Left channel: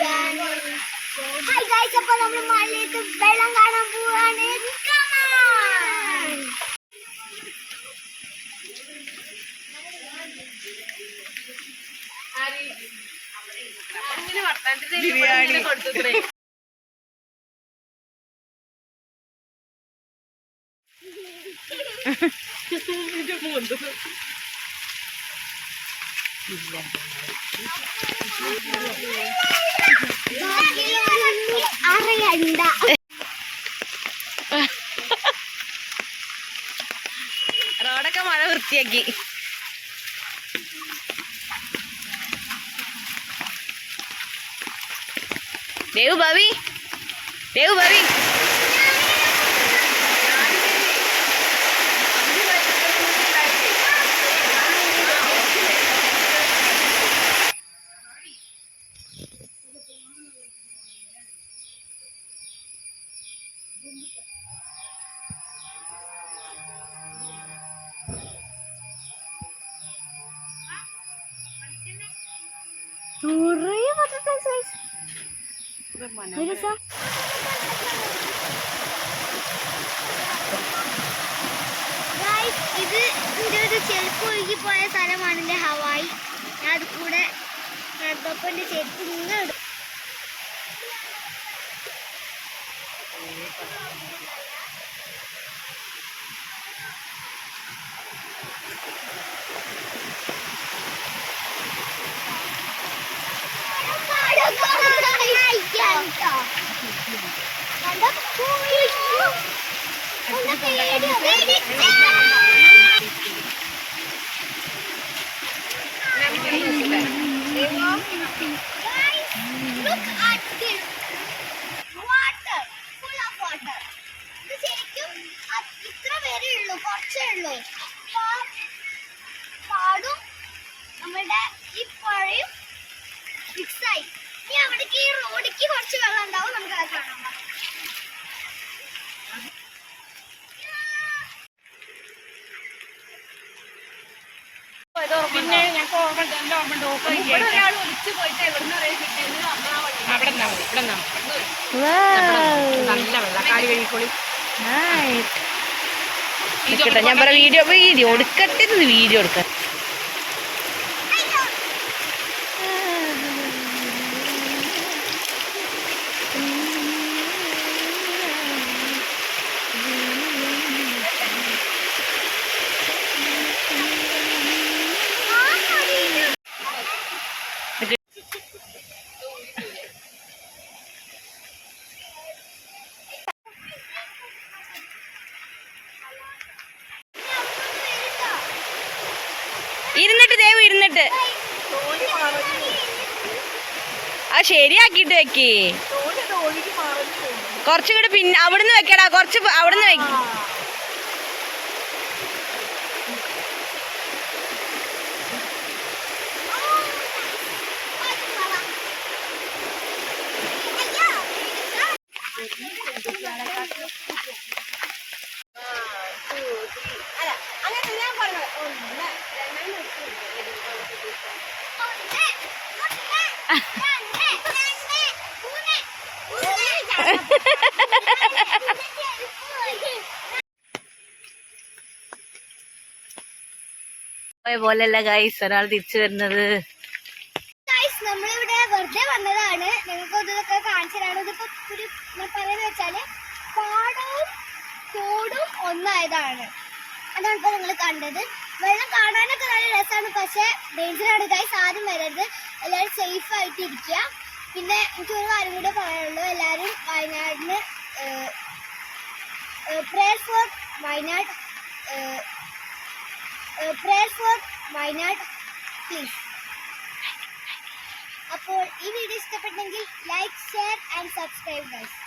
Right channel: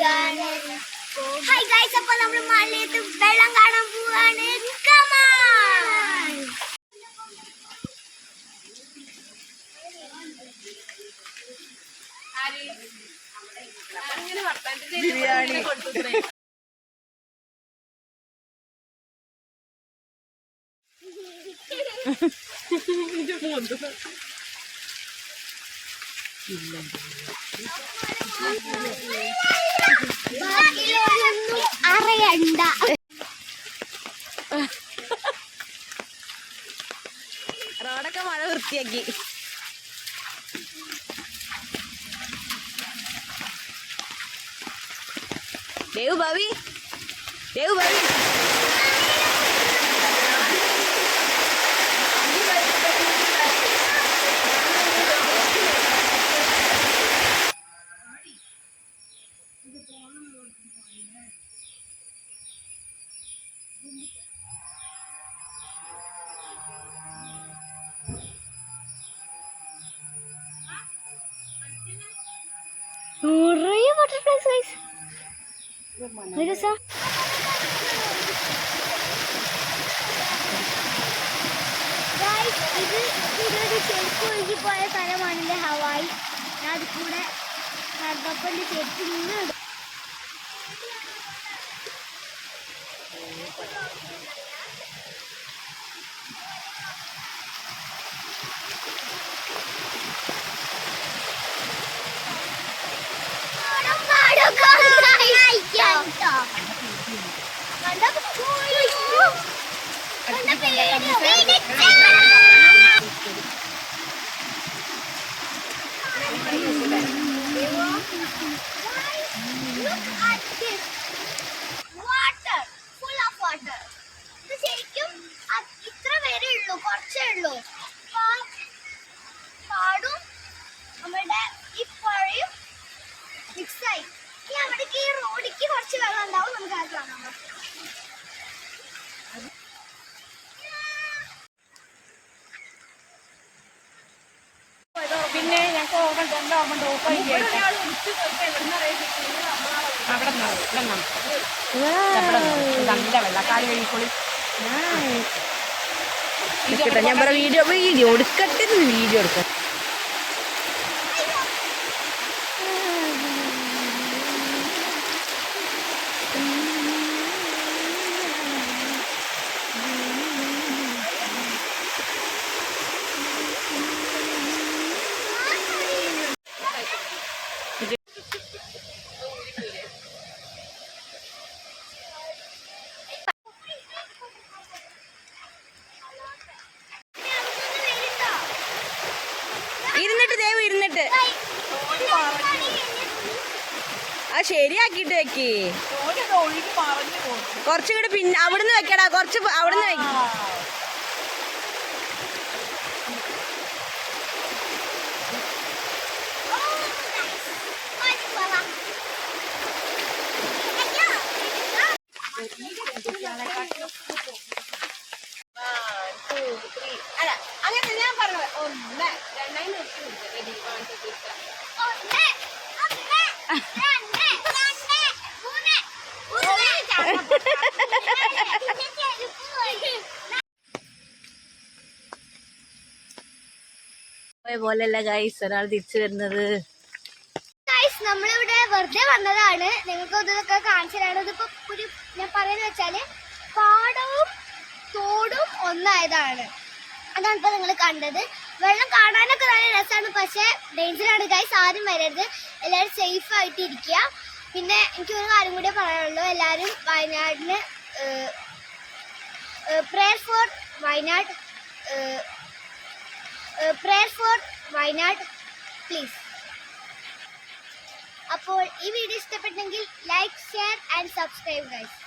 Hi guys അപ്പൊ നമ്മൾ മലയത്ത് വെള്ളം കാണാൻ പോവാണ്. ബിരിയാണി. കൊടുത്തു അറിയണ്ട റോഡൊക്കെ മഴ വൃത്തിയാക്കി. ദേവ് ഭാവി ദേവ് ഭാവി. നിറയെ ബട്ടർഫ്ലൈസ് ഗൈസ് ഒരു ദിവസം. ഇത് ഇവിടെ ഒരു ചെരുപ്പ് ഒഴുകി പോയ എന്റെ ഹവായി. ഞാൻ അത് കൂടെ റബ്ബപ്പന്റെ ചെരുപ്പ് ഇങ്ങനെ മിക്സായി ഇനി അവിടേക്ക് ഈ റോഡിക്ക് കുറച്ച് വെള്ളം ഉണ്ടാവും നമുക്ക് അത് കാണാം പിന്നെ ഞങ്ങൾക്ക് ഓർമ്മ എന്റെ ഓർമ്മ എവിടുന്ന് നല്ല വെള്ളക്കാരി കഴിക്കുള്ളൂ നിക്കട്ടെ ഞാൻ പറ വീഡിയോ വീഡിയോ എടുക്കട്ടെ വീഡിയോ എടുക്ക ഇരുന്നിട്ട് ദേവ് ഇരുന്നിട്ട് അത് ശരിയാക്കിട്ട് വെക്ക്. കുറച്ചും കൂടെ പിന്നെ അവിടുന്ന് വെക്കടാ. കുറച്ച് അവിടുന്ന് അവിടുന്ന് Thank അങ്ങനെ പോലെയല്ല ഗൈസ് ഒരാൾ തിരിച്ചു വരുന്നത്. നമ്മളിവിടെ വെറുതെ വന്നതാണ്. നിങ്ങൾക്ക് ഇതൊക്കെ കാണിച്ചു തരാണ് ഇതിപ്പോ ഒരു ഞാൻ പറയുന്നത് വെച്ചാൽ പാടവും തോടും ഒന്നായതാണ്. അതാണ് ഇപ്പൊ നിങ്ങൾ കണ്ടത്. വെള്ളം കാണാനൊക്കെ നല്ല രസമാണ് പക്ഷെ ഡേഞ്ചറാണ് ഗൈസ് ആരും വരരുത്. എല്ലാവരും സേഫ് ആയിട്ട് ഇരിക്കുക. പിന്നെ എനിക്ക് ഒരു കാര്യം കൂടെ പറയാനുള്ളൂ. എല്ലാവരും വയനാടിന് prayer for Wayanad prayer for Wayanad please അപ്പോൾ ഈ വീഡിയോ ഇഷ്ടപ്പെട്ടെങ്കിൽ like share and subscribe guys